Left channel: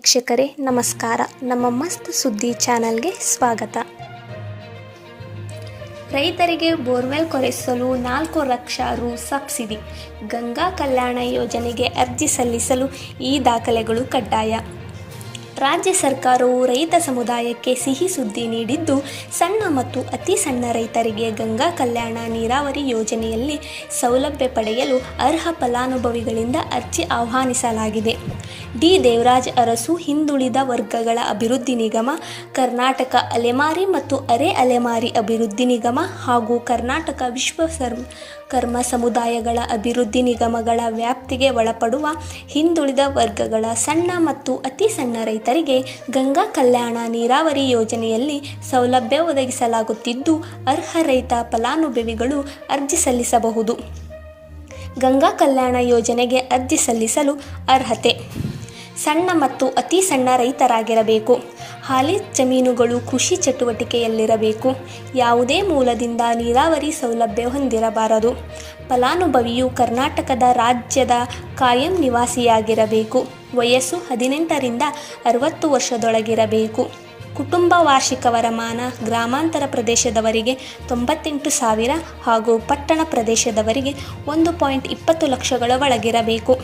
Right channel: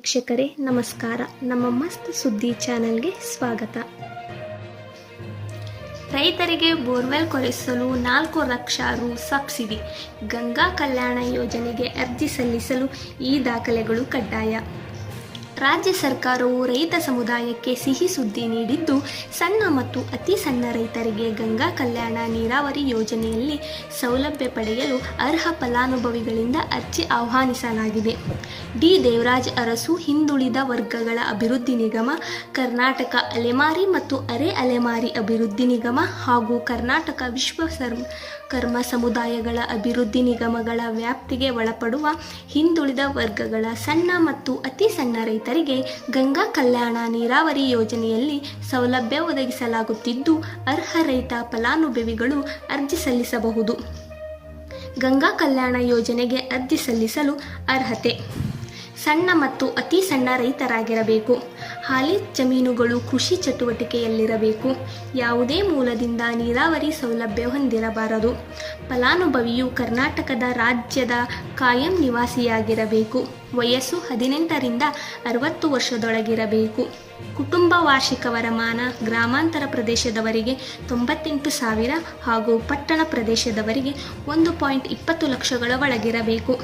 ವೀಕ್ಷಕರೇ ನಮಸ್ಕಾರ. ನಮ್ಮ ಮಸ್ತ್ ಸುದ್ದಿ ಚಾನೆಲ್ಗೆ ಸ್ವಾಗತ. ರೈತರಿಗೆ ಬೋರ್ವೆಲ್ ಕೊರೆಸಲು 4 ಲಕ್ಷ ರು ಸಬ್ಸಿಡಿ. ಗಂಗಾ ಕಲ್ಯಾಣ ಯೋಜನೆಗೆ ಅರ್ಜಿ ಸಲ್ಲಿಸಲು ಈ ದಾಖಲೆಗಳು ಕಡ್ಡಾಯ. ರಾಜ್ಯ ಸರ್ಕಾರವು ರೈತ ಸಮುದಾಯಕ್ಕೆ ಸಿಹಿ ಸುದ್ದಿ ನೀಡಿದ್ದು, ಸಣ್ಣ ಮತ್ತು ಅತಿ ಸಣ್ಣ ರೈತರಿಗೆ ಗಂಗಾ ಕಲ್ಯಾಣ ನೀರಾವರಿ ಯೋಜನೆಯಲ್ಲಿ ಸೌಲಭ್ಯ ಪಡೆಯಲು ಅರ್ಹ ಫಲಾನುಭವಿಗಳಿಂದ ಅರ್ಜಿ ಆಹ್ವಾನಿಸಲಾಗಿದೆ. ಡಿ. ದೇವರಾಜ ಅರಸು ಹಿಂದುಳಿದ ವರ್ಗಗಳ ಅಭಿವೃದ್ಧಿ ನಿಗಮ, ಕರ್ನಾಟಕ ಅಲೆಮಾರಿ ಮತ್ತು ಅರೆ ಅಲೆಮಾರಿ ಅಭಿವೃದ್ಧಿ ನಿಗಮ ಹಾಗೂ ಕರ್ನಾಟಕ ವಿಶ್ವಕರ್ಮ ಸಮುದಾಯಗಳ ಅಭಿವೃದ್ಧಿ ನಿಗಮಗಳ ವ್ಯಾಪ್ತಿಗೆ ಒಳಪಡುವ ಹಿಂದುಳಿದ ವರ್ಗಗಳ ಸಣ್ಣ ಮತ್ತು ಅತಿ ಸಣ್ಣ ರೈತರಿಗೆ ಗಂಗಾ ಕಲ್ಯಾಣ ನೀರಾವರಿ ಯೋಜನೆಯಲ್ಲಿ ಸೌಲಭ್ಯ ಒದಗಿಸಲಾಗುತ್ತಿದ್ದು, ಅರ್ಹ ರೈತ ಫಲಾನುಭವಿಗಳು ಅರ್ಜಿ ಸಲ್ಲಿಸಬಹುದು. ಗಂಗಾ ಕಲ್ಯಾಣ ಯೋಜನೆಗೆ ಅರ್ಜಿ ಸಲ್ಲಿಸಲು ಅರ್ಹತೆ: ಸಣ್ಣ ಮತ್ತು ಅತಿ ಸಣ್ಣ ರೈತರಾಗಿರಬೇಕು. ಹಾಲಿ ಜಮೀನುಗಳು ಕೃಷಿ ಚಟುವಟಿಕೆಯಲ್ಲಿರಬೇಕು. ಯಾವುದೇ ಮೂಲದಿಂದ ನೀರಾವರಿ ಸೌಲಭ್ಯ ಹೊಂದಿರಬಾರದು. ಫಲಾನುಭವಿಯು ಕರ್ನಾಟಕದ ರಾಜ್ಯದ ಕಾಯಂ ನಿವಾಸಿಯಾಗಿರಬೇಕು. ವಯಸ್ಸು 18 ರಿಂದ 60 ವರ್ಷದೊಳಗಿರಬೇಕು. ಕುಟುಂಬ ವಾರ್ಷಿಕ ವರಮಾನ ಗ್ರಾಮಾಂತರ ಪ್ರದೇಶದವರಿಗೆ 98,000 ಹಾಗೂ ಪಟ್ಟಣ ಪ್ರದೇಶದವರಿಗೆ 1.20 ಲಕ್ಷಗಳ ಒಳಗಿರಬೇಕು.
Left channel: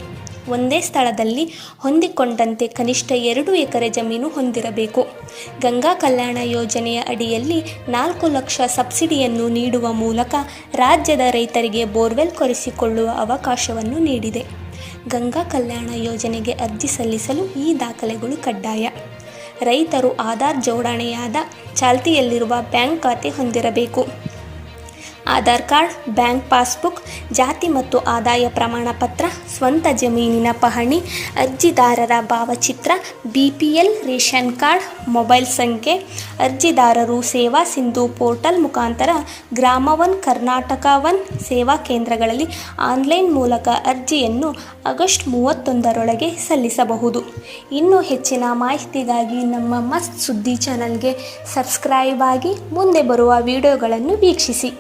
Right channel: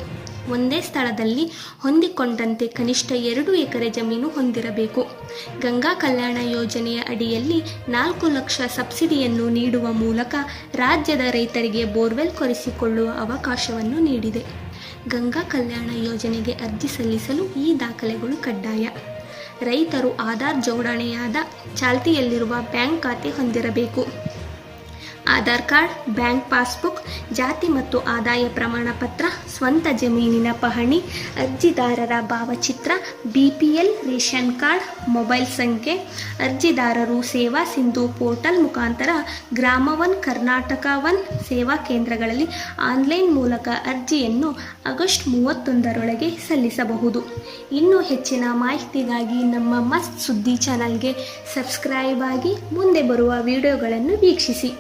ಒಂದೇ ಸ್ಥಳದಲ್ಲಿ ಹೊಂದಿಕೊಂಡಂತೆ ಕನಿಷ್ಠ 2 ಎಕರೆ ಜಮೀನು ಹೊಂದಿರಬೇಕು. ಗಂಗಾ ಕಲ್ಯಾಣ ಯೋಜನೆಯ ಅಡಿಯಲ್ಲಿ 4 ಲಕ್ಷ ಸಬ್ಸಿಡಿಯನ್ನು ನೀಡುವ ಮೂಲಕ ರಾಜ್ಯದ ರೈತರಿಗೆ ಬೋರ್ವೆಲ್ ಕೊರೆಸಿಕೊಳ್ಳುವ ಅವಕಾಶವನ್ನು ನೀಡಿದೆ. ಗಂಗಾ ಕಲ್ಯಾಣ ಯೋಜನೆಗೆ ಅರ್ಜಿ ಸಲ್ಲಿಸಲು ಈ ದಾಖಲೆಗಳು ಕಡ್ಡಾಯ. ರೈತರು ಆಧಾರ್ ಜೋಡಣೆಯಾದ ಚಾಲ್ತಿಯಲ್ಲಿರುವ ಬ್ಯಾಂಕ್ ಖಾತೆ ಹೊಂದಿರಬೇಕು. ಆಧಾರ್ ಕಾರ್ಡ್, ಬ್ಯಾಂಕ್ ಪಾಸ್ಬುಕ್, ಜಾತಿ ಮತ್ತು ಆದಾಯ ಪ್ರಮಾಣ ಪತ್ರ, ಸ್ವಂತ ಜಮೀನಿನ ಪಹಣಿ, ಅರ್ಜಿದಾರರ ಭಾವಚಿತ್ರ, BPL ರೇಷನ್ ಕಾರ್ಡ್, ಮೊಬೈಲ್ ಸಂಖ್ಯೆ. ಅರ್ಜಿದಾರರು ಸೇವಾ ಸಿಂಧು ಪೋರ್ಟಲ್ ಮುಖಾಂತರ ಗ್ರಾಮ 1, ಕರ್ನಾಟಕ 1 ಸೇವಾ ಕೇಂದ್ರಗಳಲ್ಲಿ ಆನ್ಲೈನ್ ಮೂಲಕ ಅರ್ಜಿಯನ್ನು ಆಗಸ್ಟ್ 31 ಸಲ್ಲಿಸಬಹುದು. ಇನ್ನೂ ಹೆಚ್ಚಿನ ಮಾಹಿತಿಗಾಗಿ ನಮ್ಮ ಮಸ್ತ್ ಸುದ್ದಿ ಚಾನಲ್ಗೆ ಸಬ್ಸ್ಕ್ರೈಬ್ ಆಗಿ ಮುಂದೆ ಬರುವ ವಿಡಿಯೋಗಳನ್ನು ವೀಕ್ಷಿಸಿ.